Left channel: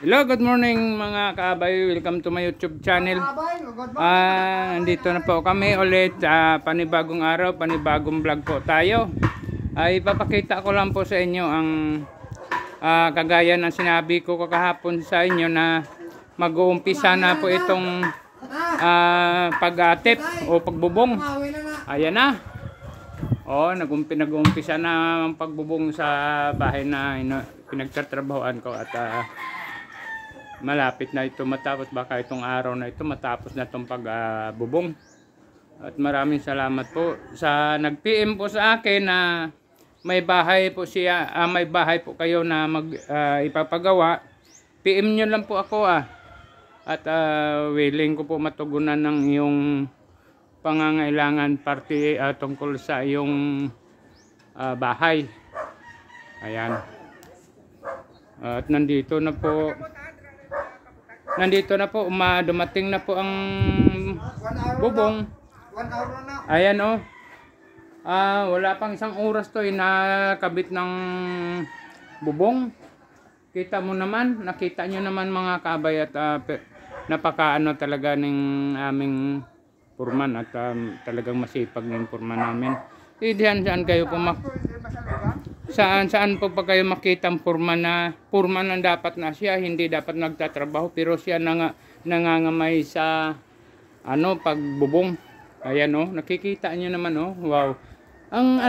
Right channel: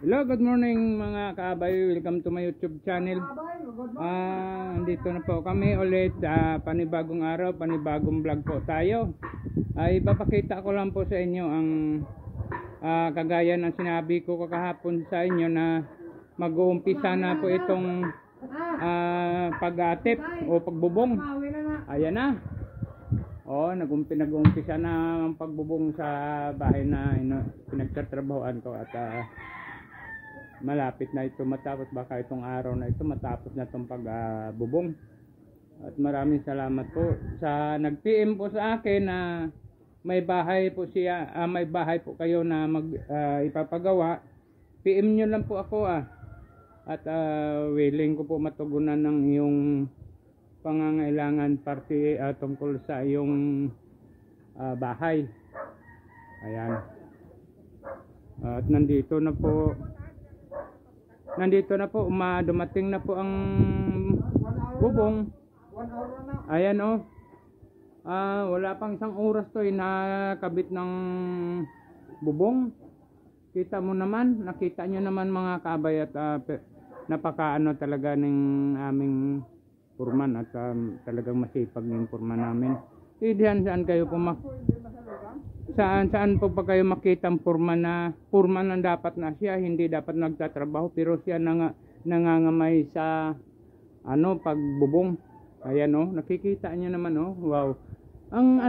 Hello, good morning mga kaabay. Welcome to my YouTube channel. Nandito na po kami ulit. Panibagong araw, panibagong vlog po tayo. Ipapakita ko lang po sa inyo ang kagaya ng sinabi ko kahapon sa inyo na mag-uumpisa na po itong pag-atip o pagbubong. Ayan na. Nag-uumpisa na ang pagbubong sa bahay na pinagtatrabahoan ko at malapit na ito matapos. Baka itong araw na ito matapos na itong pagbubong. At maraming salamat po sa nag-PM po sa akin na may bahay po siya, may bahay po kayo na ipapagawa. PM nyo lang po ako at willing ko po matugunan ng iyong pangangailangan tungkol sa iyong bahay. Ayan. At nandito na po dumating na po ang bubong. 1 hour na. Ayan wala pang isang oras to nakabit ng bubong. Kita mo naman, nakita nyo naman mga kabay at napakaano talaga ng aming purman at talagang masipag ng purman namin. Saan kayo po saan po pa kayo makita ang purman na dapat na siya, hindi dapat nagtatrabaho pero siya nangangamay sa pagbubong. Ayan nakikita nyo naman wow. Ang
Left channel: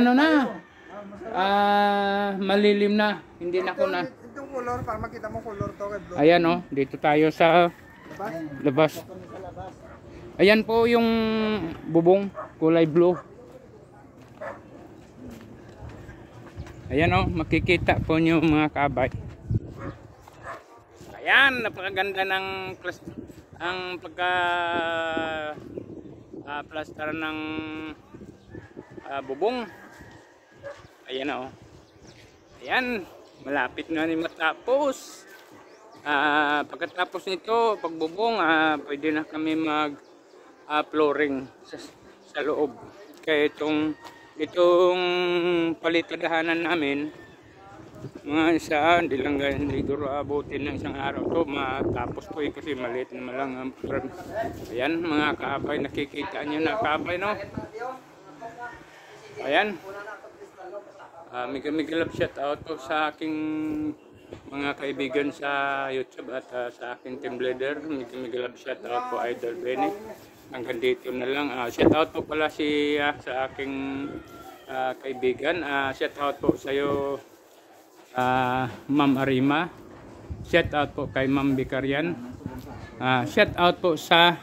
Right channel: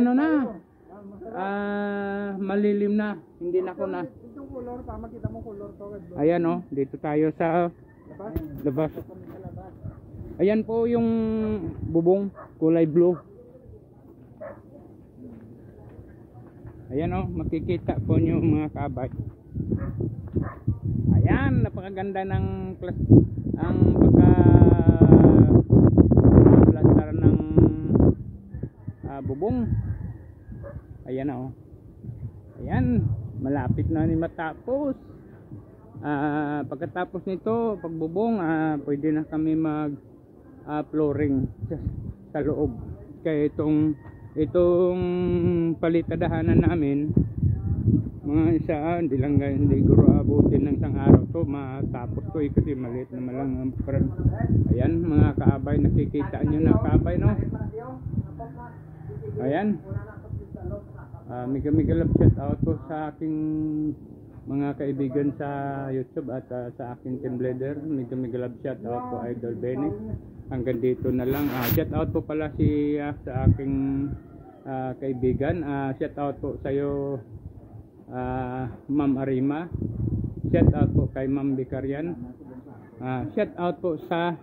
malilim na, hindi na ako na. Itong color para makita mo color to kay blue. Ayan dito tayo sa labas. Ayan po yung bubong, kulay blue. Ayan makikita po nyo mga kabay. Ayan, napakaganda ng plaster ng bubong. Ayan ayan, malapit na ni matapos. Pagkatapos nito, pagbubong, pwede na kami mag flooring sa loob. Kaya itong palitadahanan namin mga hindi siguro abutin ng isang araw to matapos to kasi maliit naman lang ang ayan mga kaabay, nakikita nyo na kaabay ayan. Mega love shout out po sa aking mga kaibigan sa YouTube at sa aking team leader. Mega love shout out po Idol Benny. Hanggang dito na lang. Shout out po pala sa aking kaibigan. Shout out po sa iyo Ma'am Arima. Shout out po kay Ma'am Bicarian. Shout out po sa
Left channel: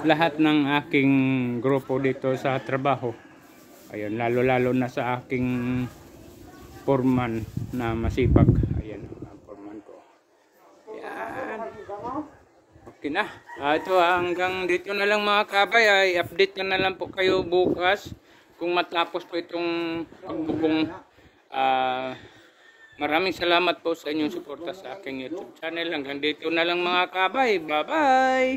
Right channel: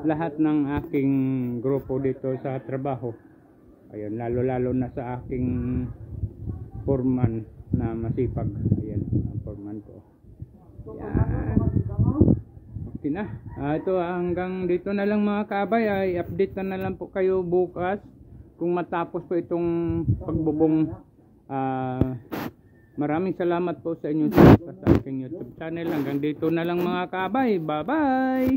lahat ng aking grupo dito sa trabaho. Ayun, lalo na sa aking foreman na masipag. Ayan ang foreman ko. Ayan. Okay na. Ito hanggang dito na lang mga kabay. Update na lang po kayo bukas kung matapos po itong pagbubong. Maraming salamat po sa inyong suporta sa aking YouTube channel. Hanggang dito na lang mga kabay. Bye bye.